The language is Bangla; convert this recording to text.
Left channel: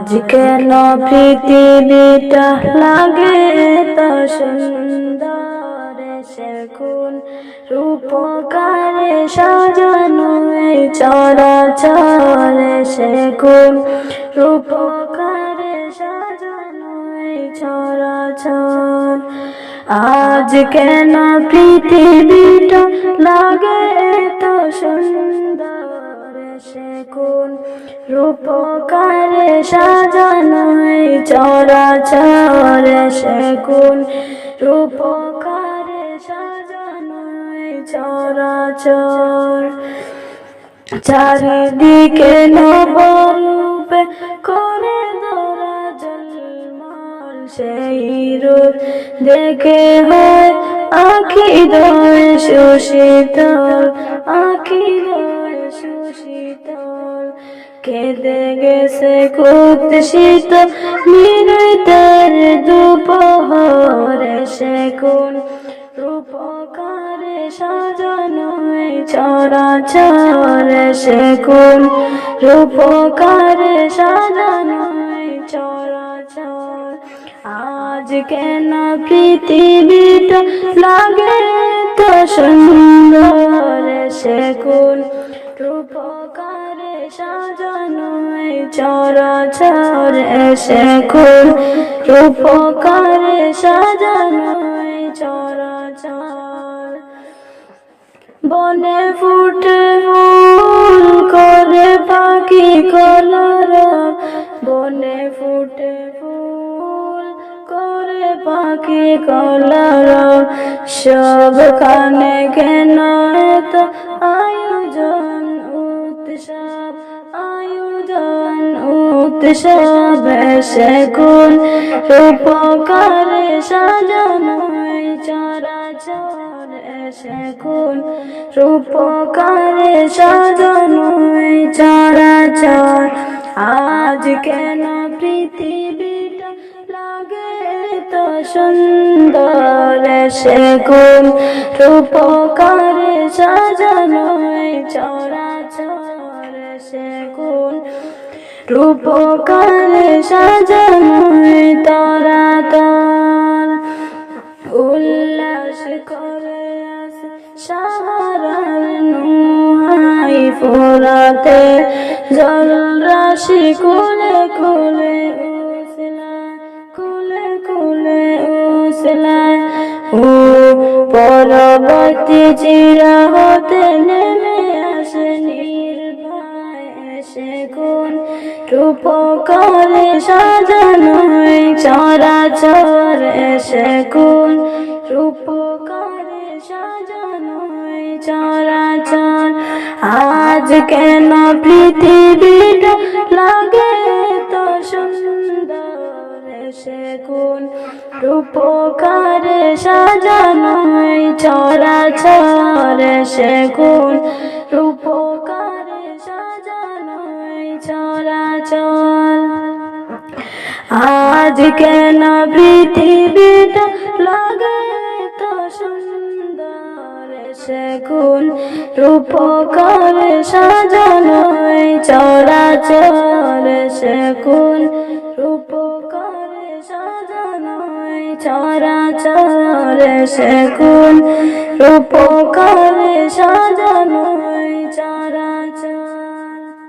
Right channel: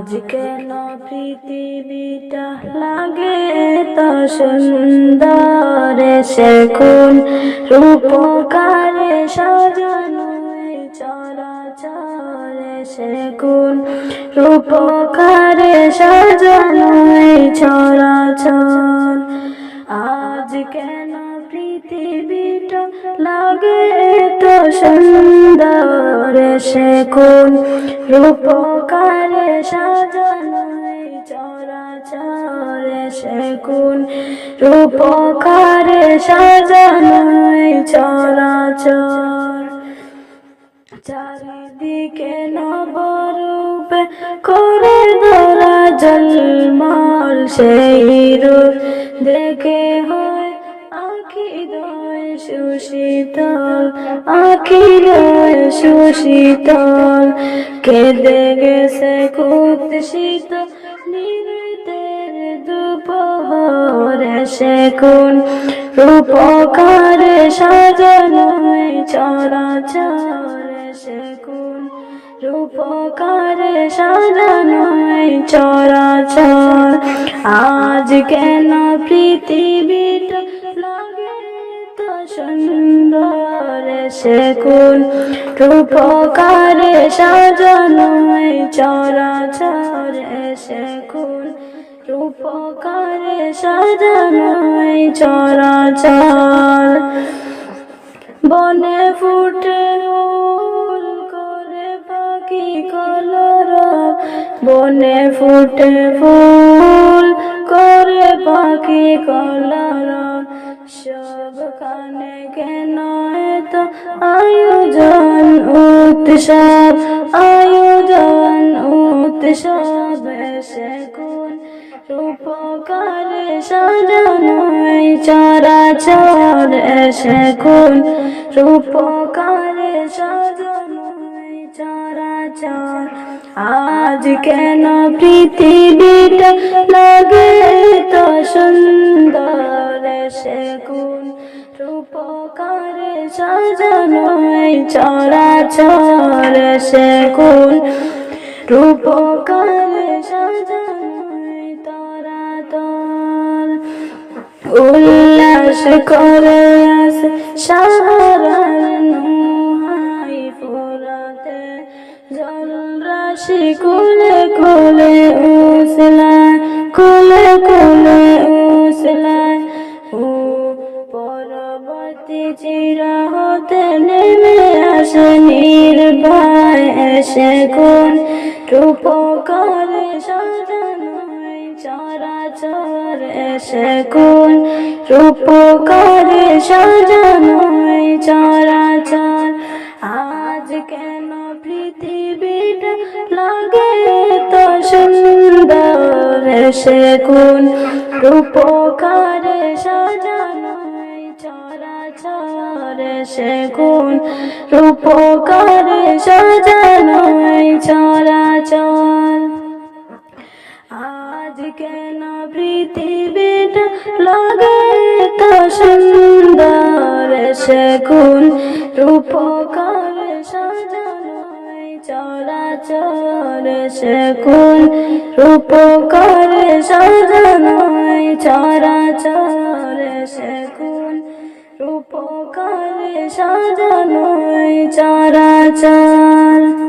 আজ কেন পৃথিবীটা লাগে এত সুন্দর, সে কোন রূপকারে সাজানো এই চরাচর, সে কোন রূপকারে সাজানো এই চরাচর। আজ কেন পৃথিবীটা লাগে এত সুন্দর, সে কোন রূপকারে সাজানো এই চরাচর, সে কোন রূপকারে সাজানো এই চরাচর। চারিদিকে নবরূপে করে ধরা ঝলমল, সেই রূপ দেখে হয় আখি দয় সুশীতল, আখি দয় সুশীতল। কেঁদে গেছে কুৎসিত নিরতের দুপহর, সে কোন রূপকারে সাজানো এই চরাচর, সে কোন রূপকারে সাজানো এই চরাচর। আজ কেন পৃথিবীটা লাগে এত সুন্দর, সে কোন রূপকারে সাজানো এই চরাচর, সে কোন রূপকারে সাজানো এই চরাচর। বনে ফুটে ফুল করে পাখি কলরব, বনে ফুটে ফুল করে পাখি কলরব। সবখানে কেন এত আয়োজন উৎসব, আয়োজন উৎসব, সে কোন রূপকারে সাজানো এই চরাচর, সে কোন রূপকারে সাজানো এই চরাচর। আজ কেন পৃথিবীটা লাগে এত সুন্দর, সে কোন রূপকারে সাজানো এই চরাচর, সে কোন রূপকারে সাজানো এই তরাতর। উল্লাস করে আসে সাহারার নুহাই ফোরাতে, জল রাশি কুলে কুলে উছলায়, কুলে কুলে উছলায়। ও পরবর্তী চিরা হতে নেমে আসে নির্ভয়, সে কোন রূপকারে সাজানো এই চরাচর, সে কোন রূপকারে সাজানো এই চরাচর। আজ কেন পৃথিবীটা লাগে এত সুন্দর, সে কোন রূপকারে সাজানো এই চরাচর, সে কোন রূপকারে সাজানো এই চরাচর। আজ কেন পৃথিবীটা লাগে এত সুন্দর, সে কোন রূপকারে সাজানো এই চরাচর, সে কোন রূপকারে সাজানো এই চরাচর, সে কোন রূপকারে সাজানো এই চরাচর।